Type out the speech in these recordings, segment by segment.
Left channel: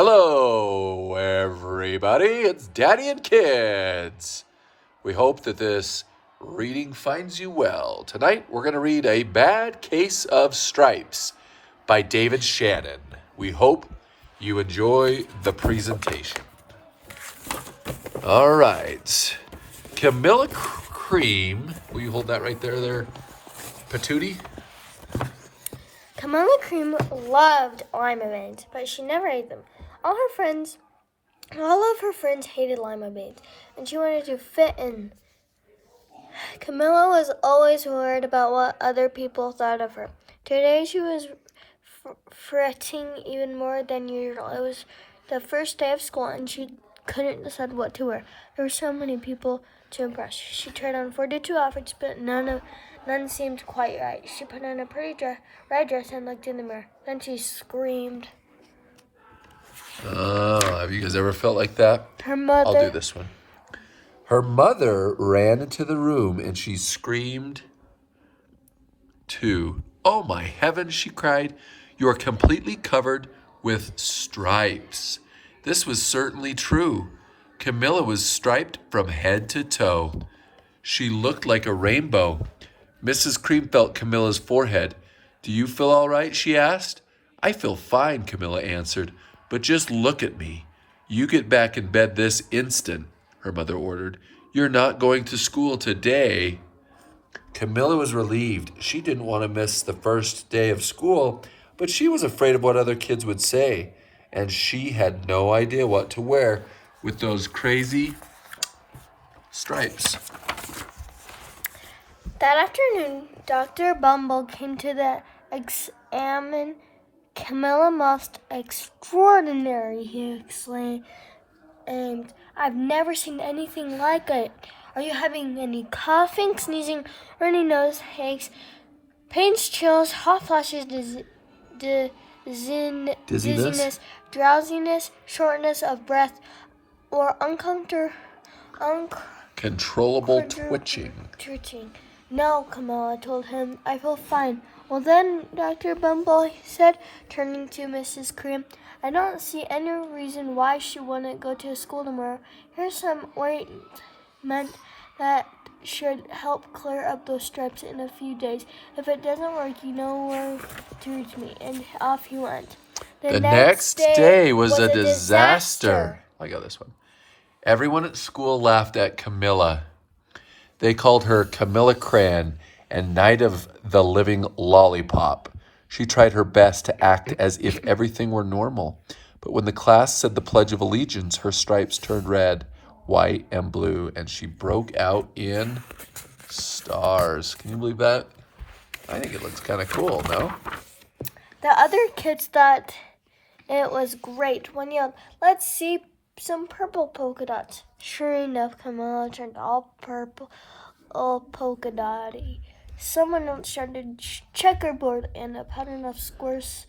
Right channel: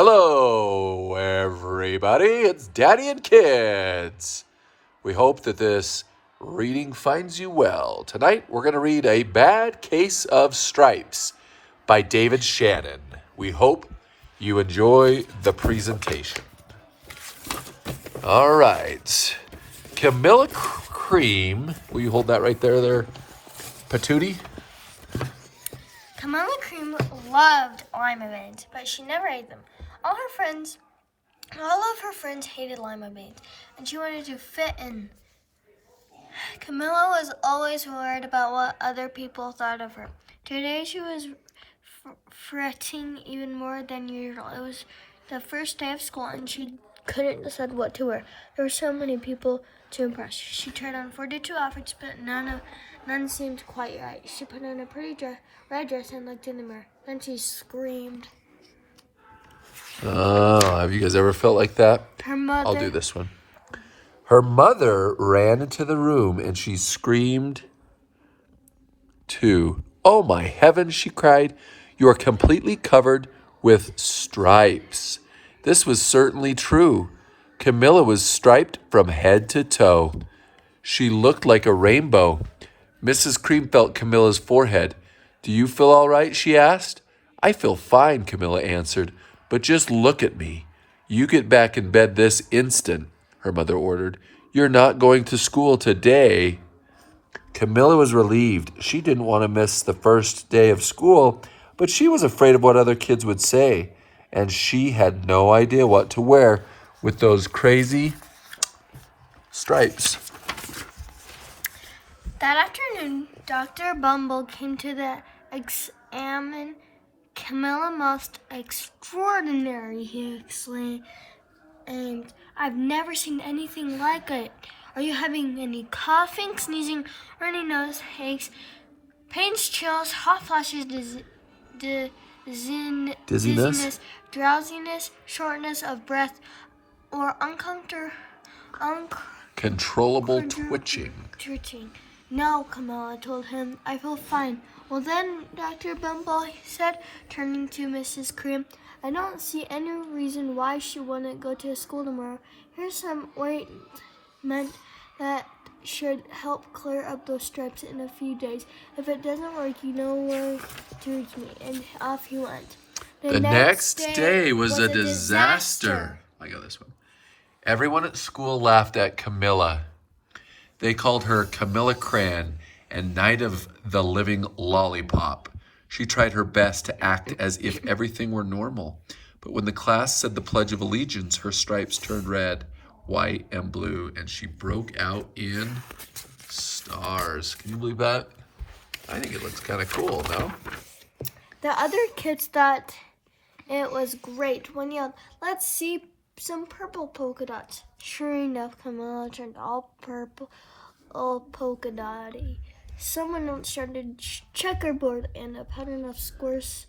Hello, everybody. It's Daddy and Kids. We hope that this reading finds you well. Tonight, we're going to read A Bad Case of Stripes by David Shannon. We hope you enjoy the presentation. All right. Camilla Cream. Will you hold that right there, Patootie? Camilla Cream loved lima beans, but she never ate them. All of her friends hated lima beans, and she wanted to fit in. Camilla was always worried about what other people thought of her. Today she was fretting even more than usual. It was the first day of school, and she couldn't decide what to wear. There were so many people to impress. She tried on 42 outfits, but none seemed quite right. She put on a pretty red dress and looked in the mirror. Then she screamed. Oh, have you guys ever felt like that? I'll do this one. Her mother ran into the room and she screamed too. "Oh my heavens," she cried. "You are completely covered with stripes." This was certainly true. Camilla was striped from head to toe. She looked like a rainbow. Mrs. Cream felt Camilla's forehead. "Do you feel all right?" she asked. "I feel fine," Camilla answered. "But just look at me." "You get back in bed this instant," her mother ordered. "You're not going to school today." Camilla was relieved. She didn't want to miss the first day of school, but she was afraid of what other kids would say, and she had no idea what to wear with those crazy stripes. That afternoon, Dr. Bumble came to examine Camilla. "Most extraordinary," he exclaimed. "And I've never seen anything like it. Are you having any coughing, sneezing, runny nose, aches, pains, chills, hot flashes, dizziness, drowsiness, shortness of breath, or Controllable twitching?" "No," Camilla told him. "I feel fine." "Well then, Dr. Bumble," he said, turning to Mrs. Cream, "I don't see any reason why she wouldn't go to school tomorrow. Here's some ointment that should help clear up those stripes in a few days. If it doesn't work, you know where to reach me." And off he went. The next day was a disaster. I got this one. Everyone at school laughed at Camilla. They called her Camilla Cran and Night of the Living Lollipop. She tried her best to act as if everything were normal. But when the class said the Pledge of Allegiance, her stripes turned red, white, and blue, and she broke out in stars. Can you believe that? I think it looks kind of cool, no? The other kids thought it was great. One yelled, "Let's see some purple polka dots." Sure enough, Camilla turned all purple, all polka dotty. Someone else started checkerboard, and a pattern of squares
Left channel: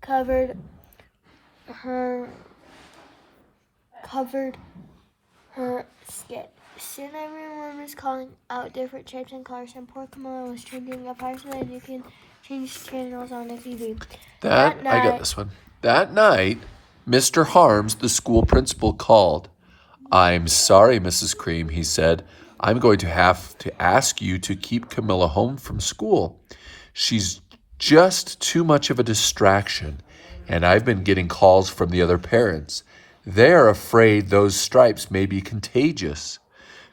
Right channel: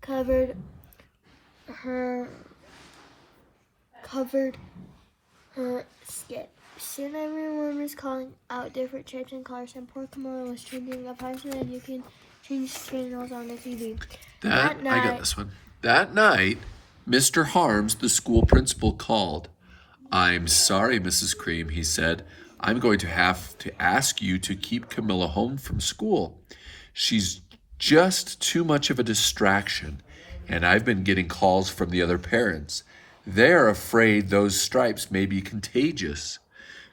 covered her skin. Soon everyone was calling out different shapes and colors, and poor Camilla was changing a part so that you can change channels on the TV. I got this one. That night, Mr. Harms, the school principal, called. "I'm sorry, Mrs. Cream," he said. "I'm going to have to ask you to keep Camilla home from school. She's just too much of a distraction, and I've been getting calls from the other parents. They're afraid those stripes may be contagious."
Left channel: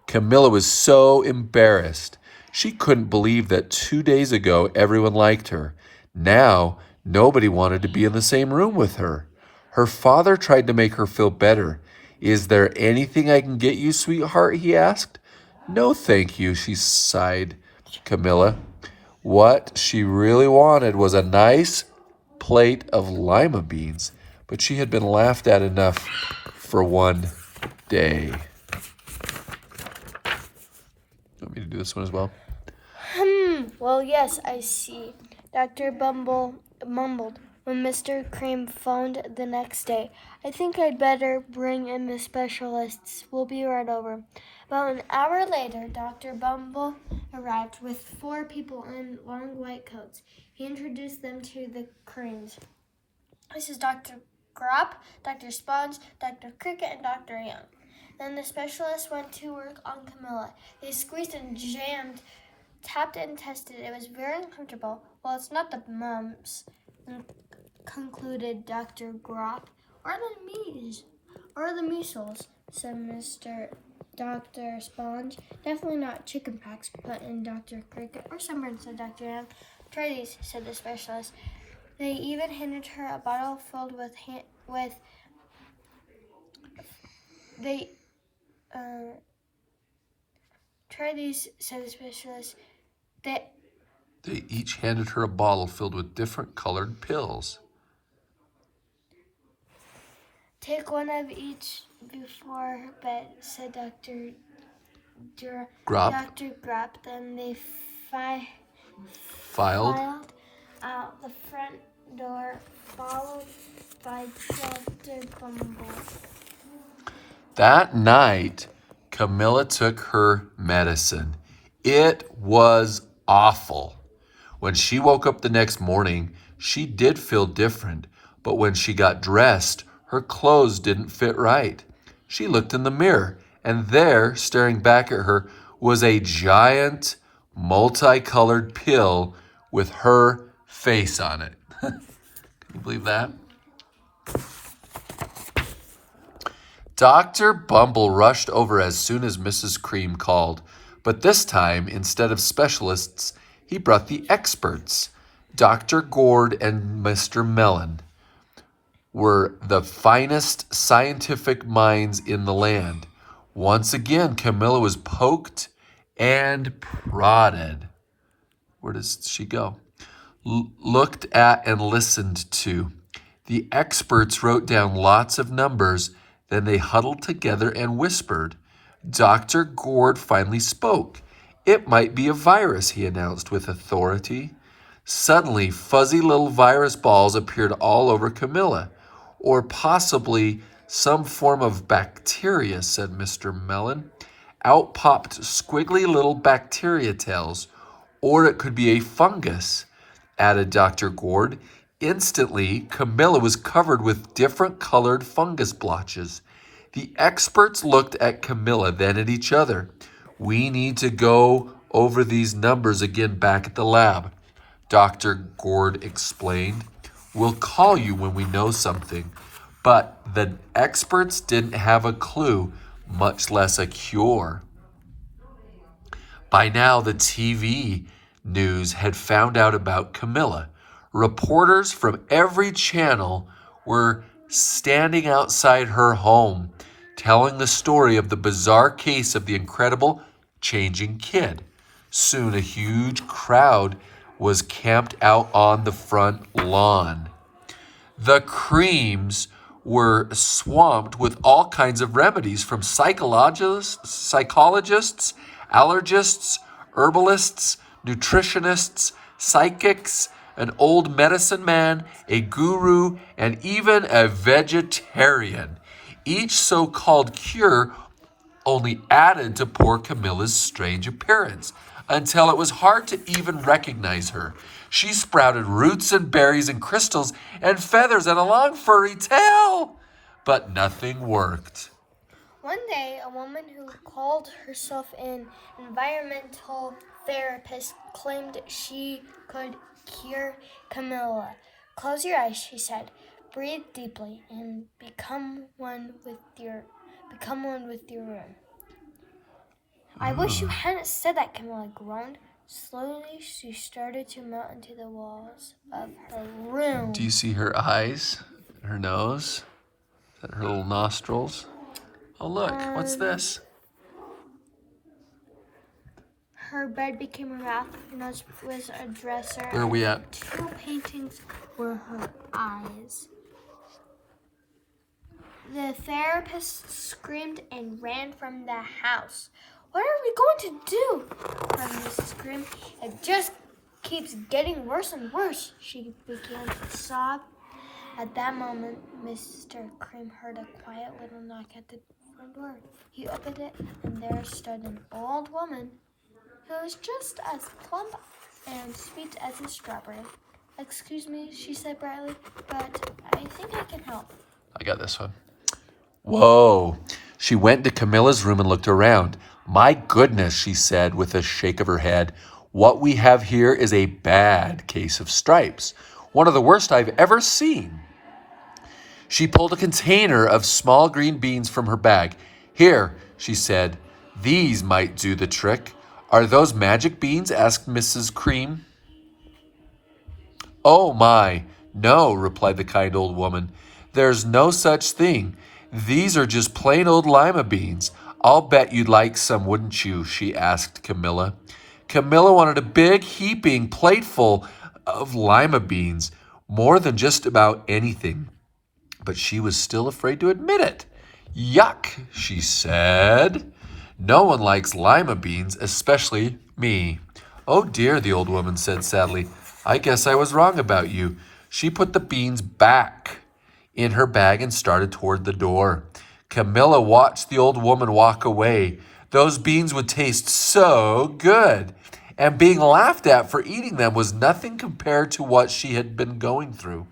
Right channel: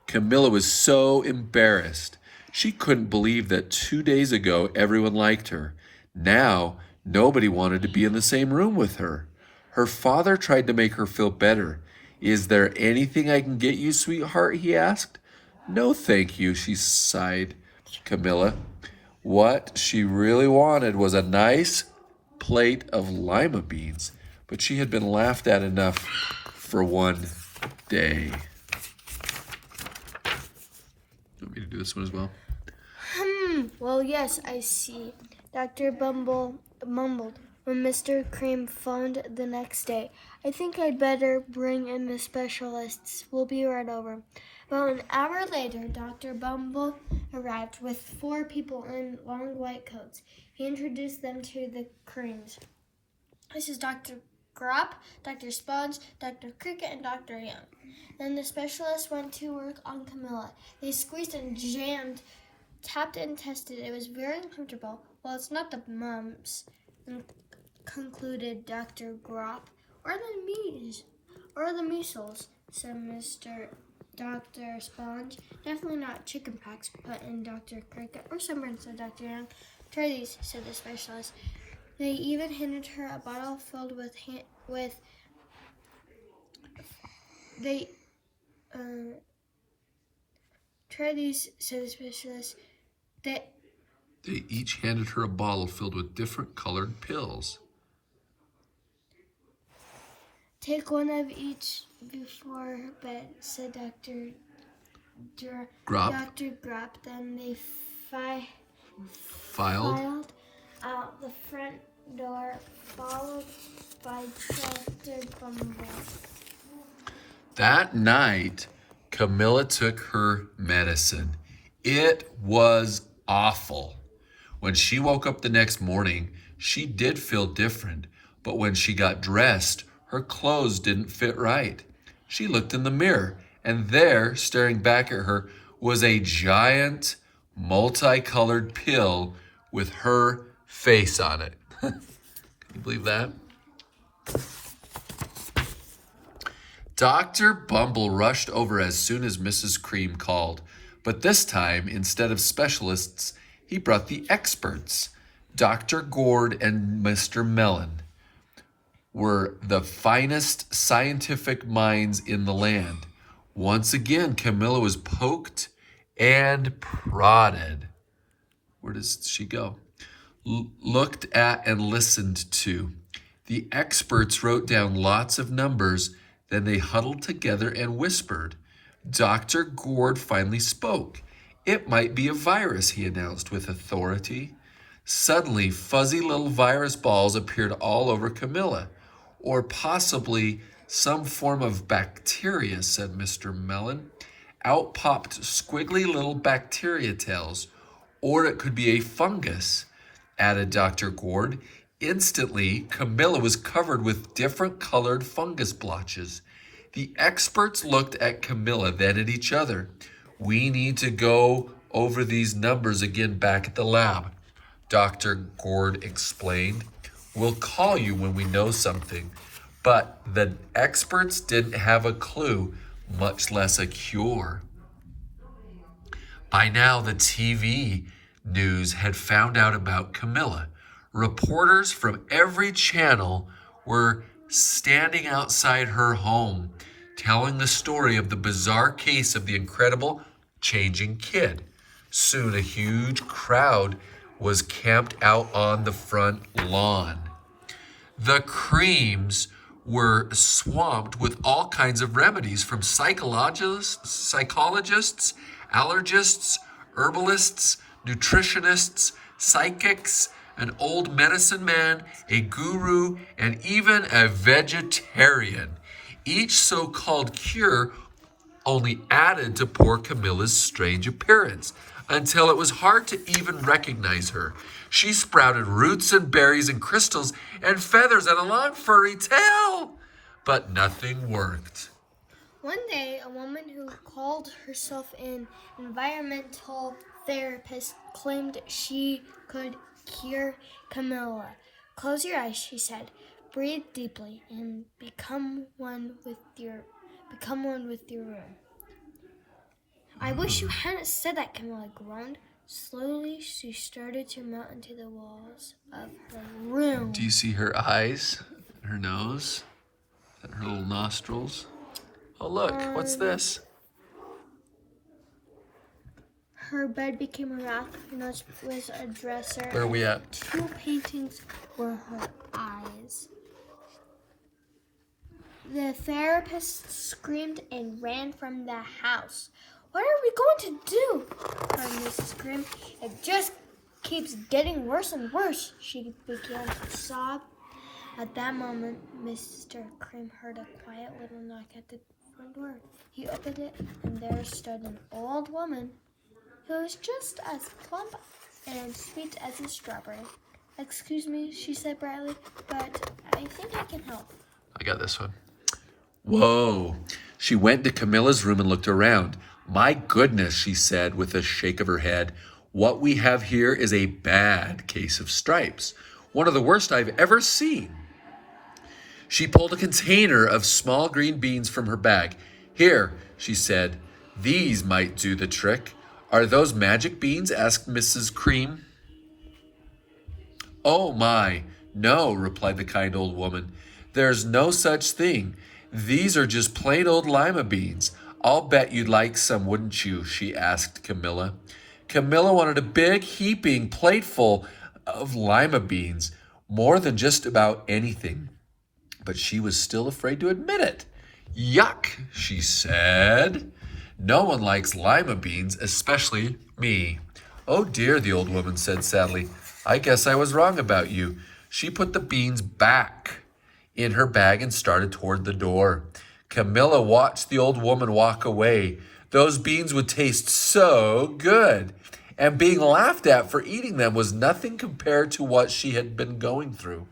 Camilla was so embarrassed. She couldn't believe that 2 days ago everyone liked her. Now, nobody wanted to be in the same room with her. Her father tried to make her feel better. "Is there anything I can get you, sweetheart?" he asked. "No, thank you," she sighed. Camilla. What she really wanted was a nice plate of lima beans, but she had been laughed at enough for one day. You want me to do this one as well? Well, yes, I see. Dr. Bumble mumbled when Mr. Cream phoned the next day. "I think I'd better bring in the specialists. We'll be right over." About an hour later, Dr. Bumble arrived with 4 people in long white coats. He introduced them to the Creams. "This is Dr. Grop, Dr. Sponge, Dr. Cricket, and Dr. Young. Then the specialist went to work on Camilla. They squeezed and jammed, tapped and tested. It was very uncomfortable. Well, it's not the mumps, concluded Dr. Grop, or the measles, said Dr. Sponge. Definitely not chicken pox, put in Dr. Cricket, or sunburn, said Dr. Young. Try these, said the specialist. They even handed her a bottle filled with try these, said the specialist. They each handed her a bottle filled with different colored pills. Take one of each before bed, said Dr. Grop. Dr. Grop. Then they Filed out the front door, followed by Dr. Bumble. That night, Camilla took her medicine. It was awful. When she woke up the next morning, she did feel different, but when she got dressed, her clothes didn't fit right. She looked in the mirror, and there, staring back at her, was a giant, multicolored pill with her face on it. Can you believe that? Dr. Bumble rushed over as soon as Mrs. Cream called, but this time, instead of specialists, he brought the experts. Dr. Gourd and Mr. Mellon were the finest scientific minds in the land. Once again, Camilla was poked and prodded. Where does she go? Looked at and listened to. The experts wrote down lots of numbers. Then they huddled together and whispered. Dr. Gourd finally spoke. It might be a virus, he announced with authority. Suddenly, fuzzy little virus balls appeared all over Camilla. Or possibly some form of bacteria, said Mr. Mellon. Out popped squiggly little bacteria tails. Or it could be a fungus, added Dr. Gourd. Instantly, Camilla was covered with different colored fungus blotches. The experts looked at Camilla, then at each other. We need to go over these numbers again back at the lab, Dr. Gourd explained. We'll call you when we know something. But the experts didn't have a clue, much less a cure. By now, the TV news had found out about Camilla. Reporters from every channel were standing outside her home, telling the story of the bizarre case of the incredible changing kid. Soon a huge crowd was camped out on the front lawn. The Creams were swamped with all kinds of remedies from psychologists, allergists, herbalists, nutritionists, psychics, an old medicine man, a guru, and even a vegetarian. Each so-called cure only added to poor Camilla's strange appearance, until it was hard to even recognize her. She sprouted roots and berries and crystals and feathers and a long furry tail, but nothing worked. One day, a woman who called herself an environmental therapist claimed she could cure Camilla. Close your eyes, she said. Breathe deeply and become one with your room. I wish you hadn't said that, Camilla groaned. Slowly, she started to melt into the walls of her room. Do you see her eyes, her nose, her little nostrils? Oh, look, what's this? Her bed became a rack. Her nose was a dresser. Where are we at? 2 paintings were her eyes. The therapist screamed and ran from the house. What are we going to do? Cried Mrs. Cream. It just keeps getting worse and worse, she began to sob. At that moment, Mr. Cream heard a quiet little knock at the front door. He opened it, and there stood an old woman who was just as plump and sweet as a strawberry. Excuse me, she said brightly, but I think I can help. I got this one. Whoa. She went to Camilla's room and looked around. My goodness, she said with a shake of her head. What we have here is a bad case of stripes. One of the worst I've ever seen. She pulled a container of small green beans from her bag. Here, she said, these might do the trick. Are those magic beans? Asked Mrs. Cream. Oh my, no, replied the kind old woman. There's no such thing. These are just plain old lima beans. I'll bet you'd like some, wouldn't you? She asked Camilla. Camilla wanted a big, heaping plateful of lima beans, more than just about anything. But she was still afraid to admit it. Yuck, she said. No one likes lima beans, especially me. Oh dear, the old woman said sadly. I guess I was wrong about you. She put the beans back in her bag and started toward the door. Camilla watched the old woman walk away. Those beans would taste so good. And being laughed at for eating them was nothing compared to what she had been going through.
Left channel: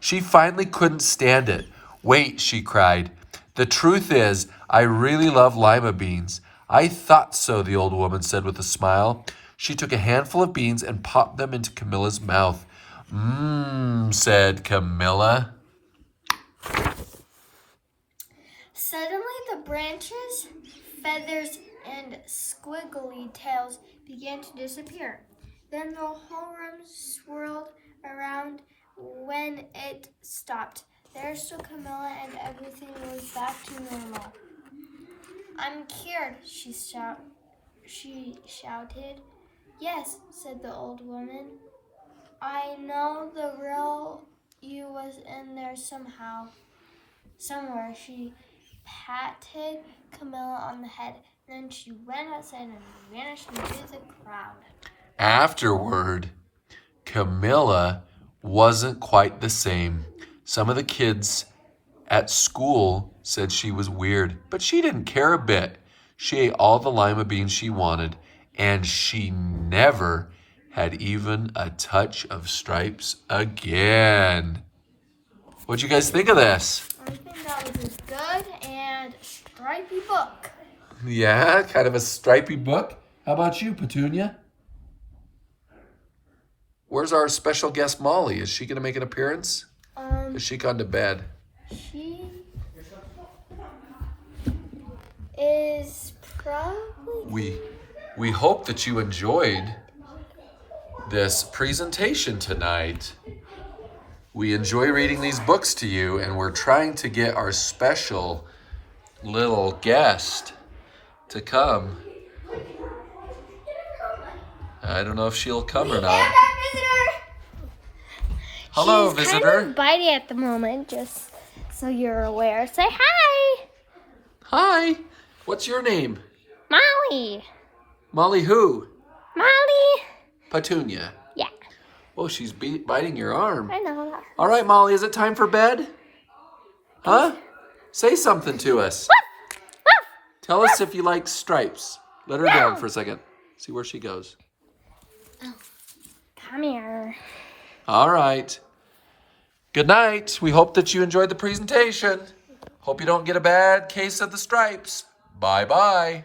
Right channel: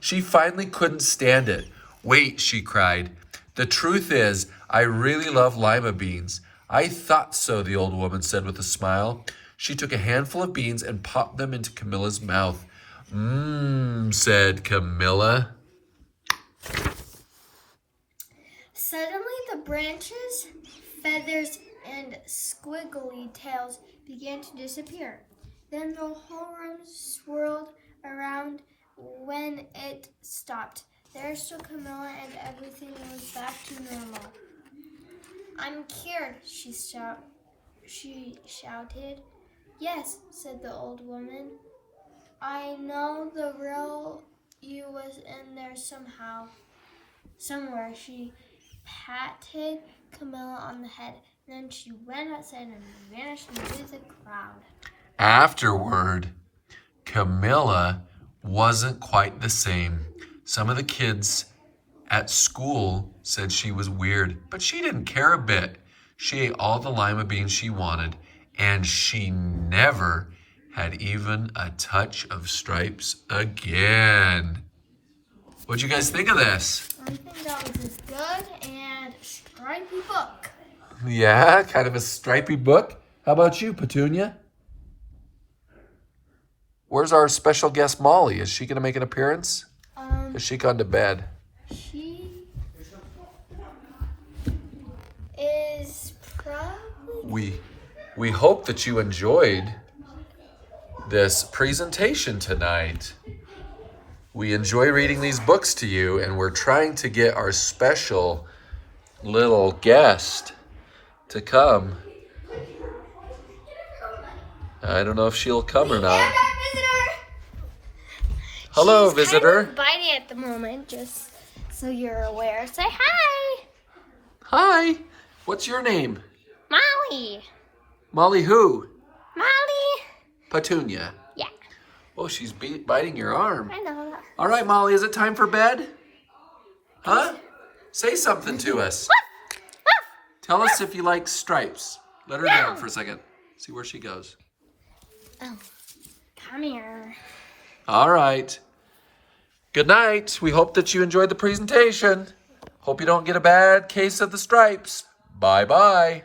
She finally couldn't stand it. Wait, she cried. The truth is, I really love lima beans. I thought so, the old woman said with a smile. She took a handful of beans and popped them into Camilla's mouth. Said Camilla. Suddenly the branches, feathers, and squiggly tails began to disappear. Then the whole room swirled around when it stopped. There stood Camilla and everything was back to normal. I'm cured, she shouted. Yes, said the old woman. I know the real you was in there somewhere. She patted Camilla on the head. Then she went outside and vanished into the crowd. Afterward, Camilla wasn't quite the same. Some of the kids at school said she was weird, but she didn't care a bit. She ate all the lima beans she wanted, and she never had even a touch of stripes again. What'd you guys think of this? I think that was a good and stripy book. Yeah, kind of a stripy book. How about you, Petunia? Where's our special guest, Molly? Is she going to make an appearance? Has she gone to bed? She is probably... We hope that you enjoyed this presentation tonight. We enjoy reading these books to you, and we're trying to get our special little guest to come. I don't know if she'll come or not. Hello, visitor. She's kind of biting at the moment, just so you're aware. Say hi. Hi. What's your name? Molly. Molly who? Molly. Petunia. Yeah. Oh, she's biting your arm. I know. All right, Molly, is it time for bed? Huh? Say something to us. Tell us if you like stripes. Let her down for a second. See where she goes. Come here. All right. Good night. We hope that you enjoyed the presentation. Hope you don't get a bad case of the stripes. Bye-bye.